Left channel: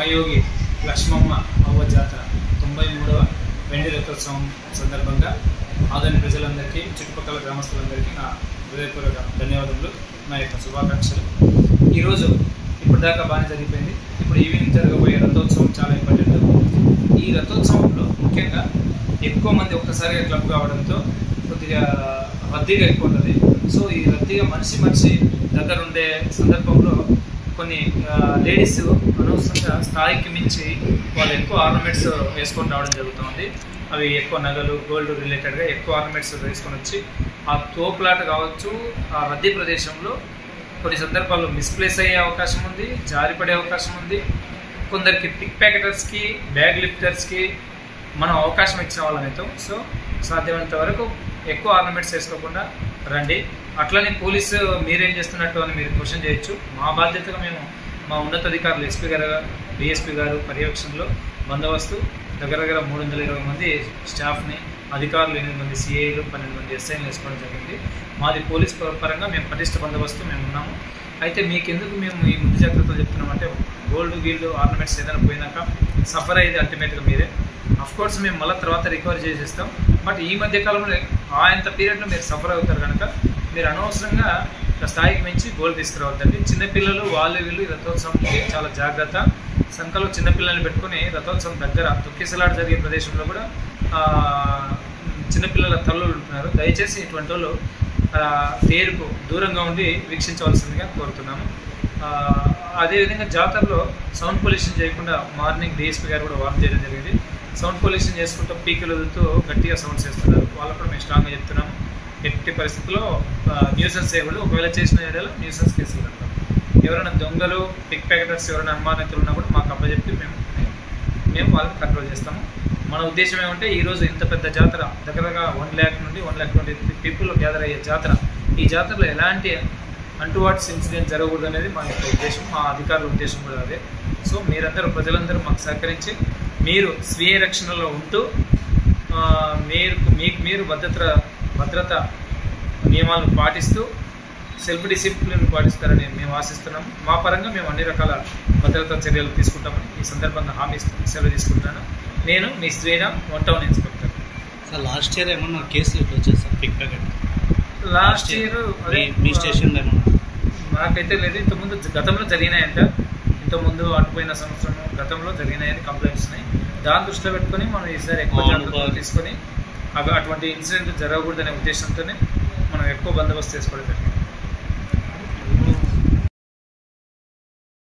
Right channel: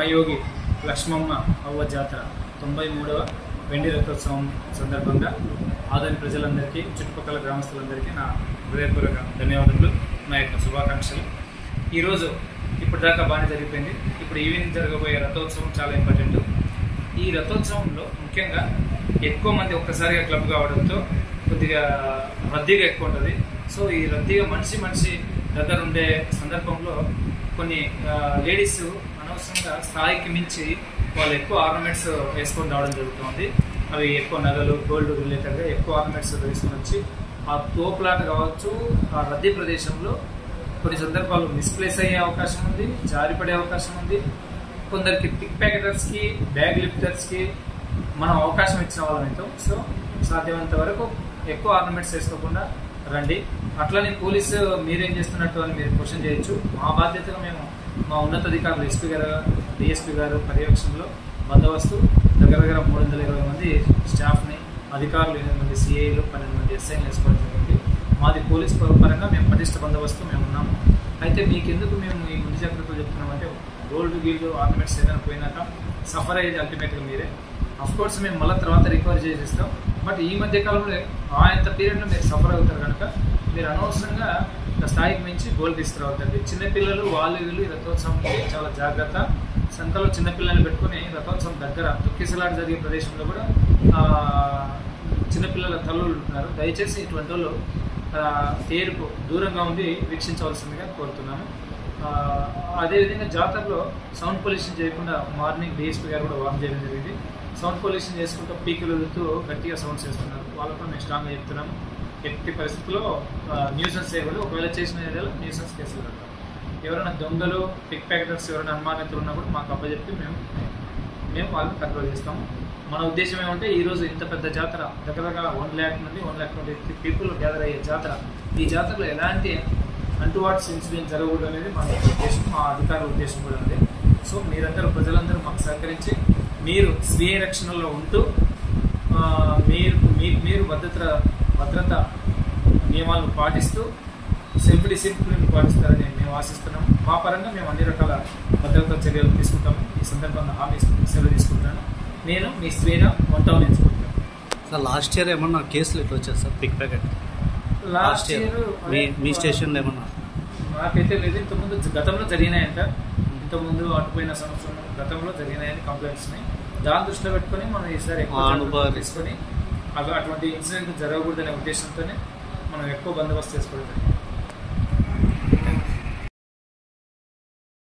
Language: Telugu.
మహాయోగి లక్ష్మమ్మ అవ్వ జాతర 93వ వెండి రథోత్సవం సందర్భంగా ఆదోని ప్రజలందరికీ చుట్టుపక్కల గ్రామస్తులందరికీ నా హృదయపూర్వక ధన్యవాదములు, నా యొక్క శుభాకాంక్షలు. ఈరోజు ఇప్పటిదాకా బాగానే జరిగిపోయింది. ఇప్పుడు ఈవినింగ్ జరగబోయే రథోత్సవం చాలా ఇంపార్టెంట్. ఈ రథోత్సవంలో ముఖ్యంగా ఎక్కువ మంది ఒక్కసారిగా క్లబ్ కావడంతో కొద్దిగా రద్దీగా ఎక్కువ ఉంటుంది. సో ఈ రద్దీగా మనిషి దగ్గర ఉండే సందర్భంలో కొన్ని లేడీస్ అనవసరంగా స్థాయికి మించి వాళ్ళు ఎక్కువ ఆర్నమెంట్స్ వేసుకొని రావడం జరుగుతుంది. అవి ఎక్కువ నగలు, గోల్డ్ రిలేటెడ్గా ఎక్కువ ఆర్నమెంట్స్ వేసుకొని వచ్చి ఆ తోపులాట కావచ్చు, ఆ రద్దీ ప్రదేశంలో కొన్ని సందర్భాల్లో మిస్ప్లేస్ అయ్యే అవకాశం ఉంది, జారిపడే అవకాశం ఉంది. కొందరికి పిక్ ప్యాకెటర్స్కి, బ్యాగ్ లిఫ్టర్స్కి మనం అవకాశం ఇచ్చిన వాళ్ళమైతే సో సాధ్యమైనంత వరకు ఎక్కువ ఆర్నమెంట్స్ వేసుకోకుండా రండి. అట్లనే పోలీసు మీరేం చేస్తున్నట్టు అని మీరు క్వశ్చన్ చేయొచ్చు. మా బాధ్యతగా మేము మా ఉన్నతాధికారులు ఎస్పీ గారు, డిఎస్పీ గారు పర్యవేక్షణలో బందోబస్తు దగ్గర 320 మంది స్టాఫ్ని, అధికారులు 8 మంది సిఐలు, 12 మంది ఎస్ఐలు వేసుకోవడం జరిగింది. మాది పోలీస్ పరంగా మేము పటిష్ట బందోబస్తు మేము ఉన్నాము. అయితే మీకెందుకు మేము ఈ ముందు జాగ్రత్తలు చెప్తున్నామంటే గోల్డ్ ఆర్నమెంట్స్ ఏదైనా పోయినాక సఫర్ అయ్యేది అల్టిమేట్గా మీరే. అఫ్కోర్స్ మేము మళ్ళీ తర్వాత రికవరీ చేసేస్తాం. బట్ ఈ మధ్య కాలంలో అంత పీరియడ్లో మీరు సఫర్ అవుతారు కనుక మీరు అనవసరంగా స్థాయికి మించి గోల్డ్ తీసుకురావద్దండి. చిన్నపిల్లలు వీళ్ళు రథోత్సవంకి చాలా జాగ్రత్త. సంఖలో చిన్నపిల్లల్ని పెట్టుకుని రథోత్సవం దగ్గర తొక్కిసలాట జరిగే ప్రదేశంలో కూడా చిన్నపిల్లల తల్లులు ఉంటున్నారు. దయచేసి ఇటువంటి వాళ్ళు తేరుకు దూరంగా ఉండి వీక్షించవలసిందిగా కోరుతున్నాము. అదేవిధంగా జాతరలో సౌండ్ పొల్యూషన్ చేయకుండా మార్నింగ్ డిఎస్పీ గారు కూడా వార్న్ చేయడం జరిగింది. సౌండ్ పొల్యూషన్ చేసుకుంటూ పీకులు వదులుతూ గట్టిగా సౌండ్స్ చేస్తున్నారు. వాళ్ళకు కూడా మేము స్ట్రాంగ్గా చెప్తున్నాము. ఎట్టి పరిస్థితుల్లో న్యూసెన్స్ చేయకూడదు. ఒకవేళ చేసిన ఏరియాలో న్యూసెన్స్ కేసులు కడతాం. ఎవరైనా దొంగలు, పిక్ ప్యాకెటర్స్ ఎవరైనా అనుమానితులు ఉన్నా కూడా మాకు అప్పచెప్పి మేము వాళ్ళని కంట్రోల్ చేస్తాము. మన ఉద్దేశం ఏమంటే ఈరోజు ఇంత పెద్ద జాతర దగ్గర 1 lakh నుండి 1,20,000 పీపుల్ గ్యాదర్ అయ్యే జాతర. ఈ జాతరలో ఎలాంటి అంటువాట్స్ ఇన్సిడెంట్ జరగకూడదు అనేది మా యొక్క ఉద్దేశం, మా అధికారుల ఉద్దేశం కూడా అదే. సో ప్రజలందరూ మాకు సహకరించి మీరు స్వీయ రక్షణలో ఉంటూ మీరు భద్రత నియమాలను పాటిస్తూ సెల్ఫ్ డిసిప్లిన్ పాటిస్తారని మేము ఆశిస్తున్నాం. మా పరంగా మేము అన్ని రకాల భద్రతా చర్యలు తీసుకుంటామని ఈ సందర్భంగా హామీ సెలవు తీసుకుంటున్నాను. నేను మీ Sriram, 1 town inspector. Sir last year ఏమన్నా కేసులు ఎట్లా వచ్చాయి sir pickpocket? Last year మీ స్టేషన్లో ఏమన్నా? నాకైతే లేదు. ఇంతకుముందు గతంలో జరిగినాయంట. ఇంతకుముందు అటుపోయిన సంవత్సరం గతంలో జరిగినాయని కంప్లైంట్స్ ఉన్నాయి. దాన్ని దృష్టిలో పెట్టుకొని మనం ఈసారి ఎక్కువ జాగ్రత్తలు తీసుకొని అటువంటి ఇన్సిడెంట్ జరగకూడదనే ఉద్దేశంతోనే మనం ఎక్కువ బందోబస్తు చేసుకోవడం జరిగింది.